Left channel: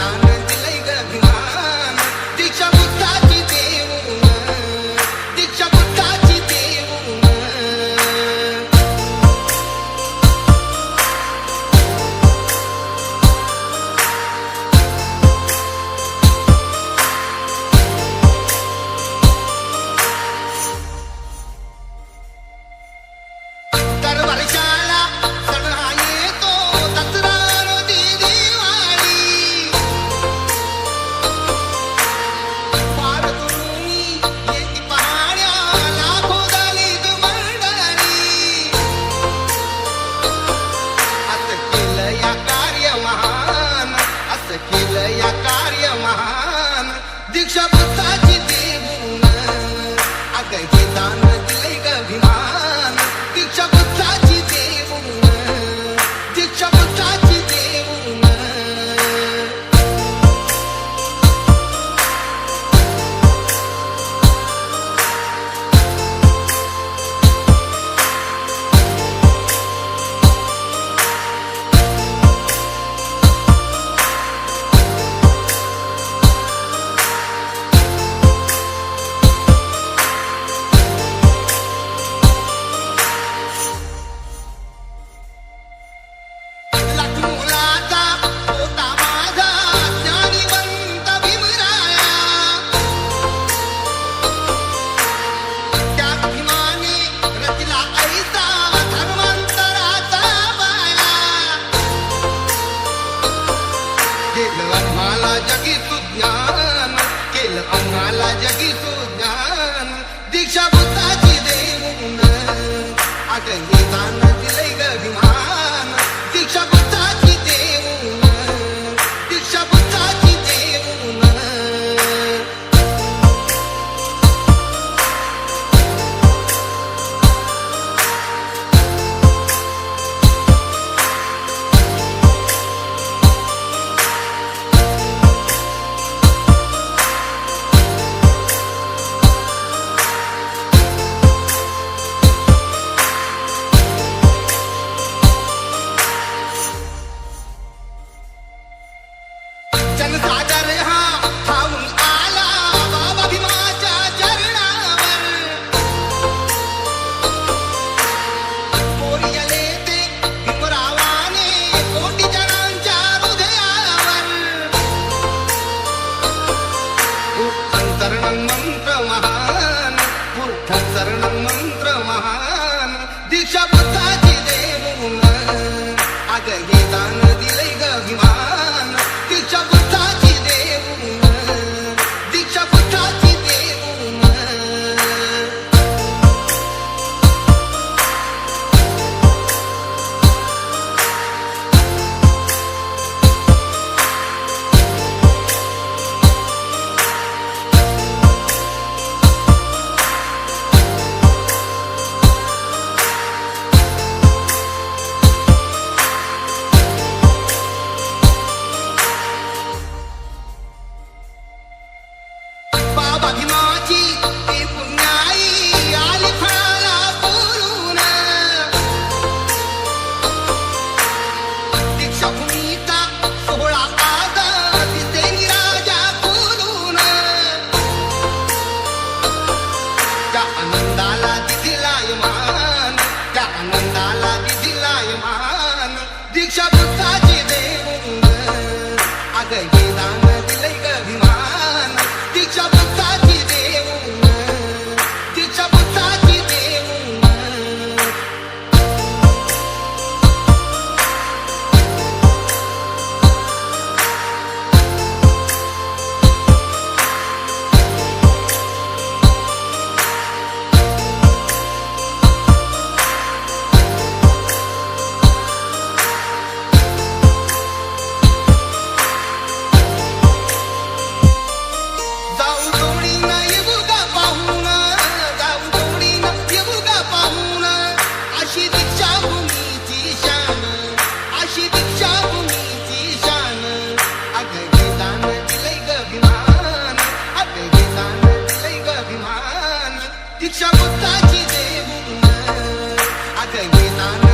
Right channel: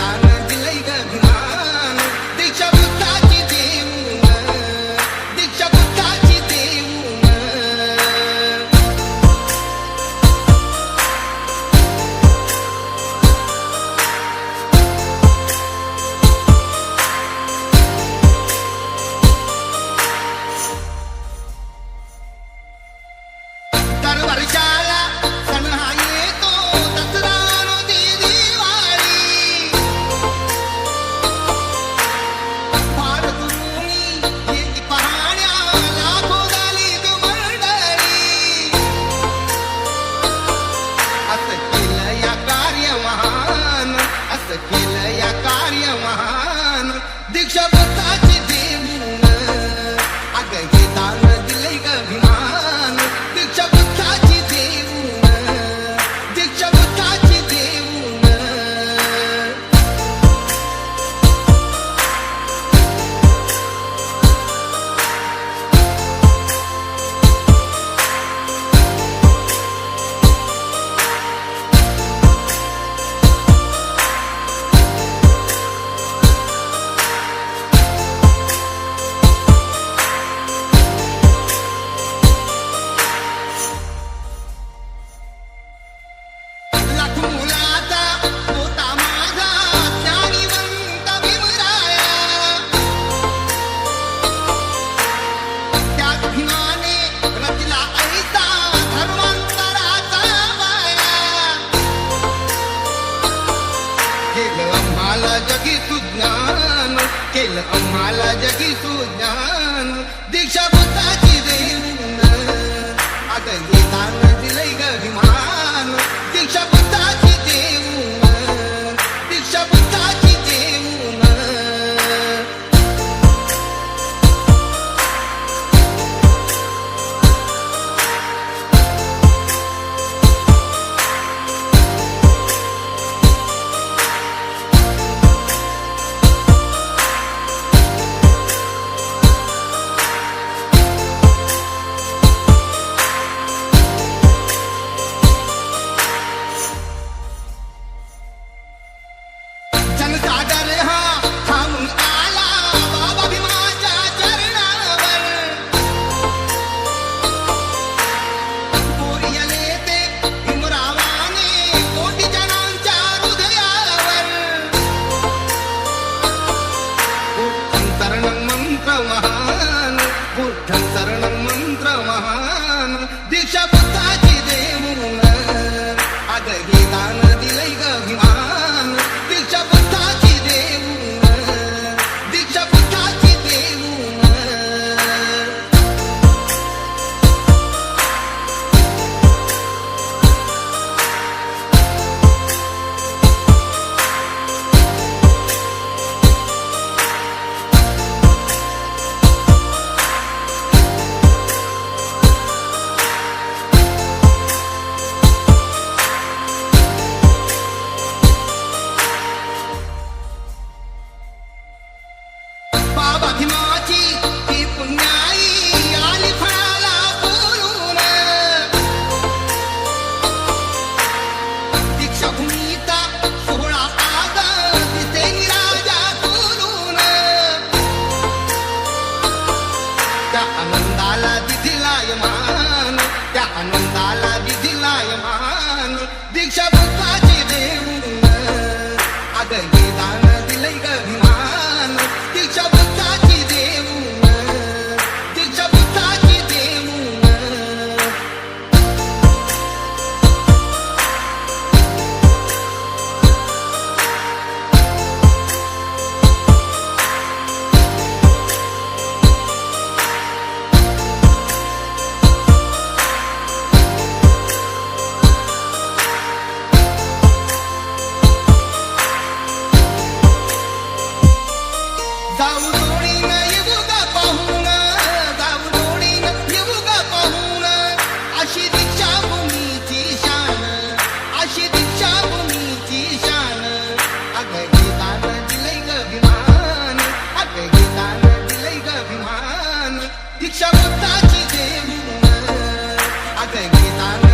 I know. या कार्य महान दीक्षाभक्ताची forgotten I can't get out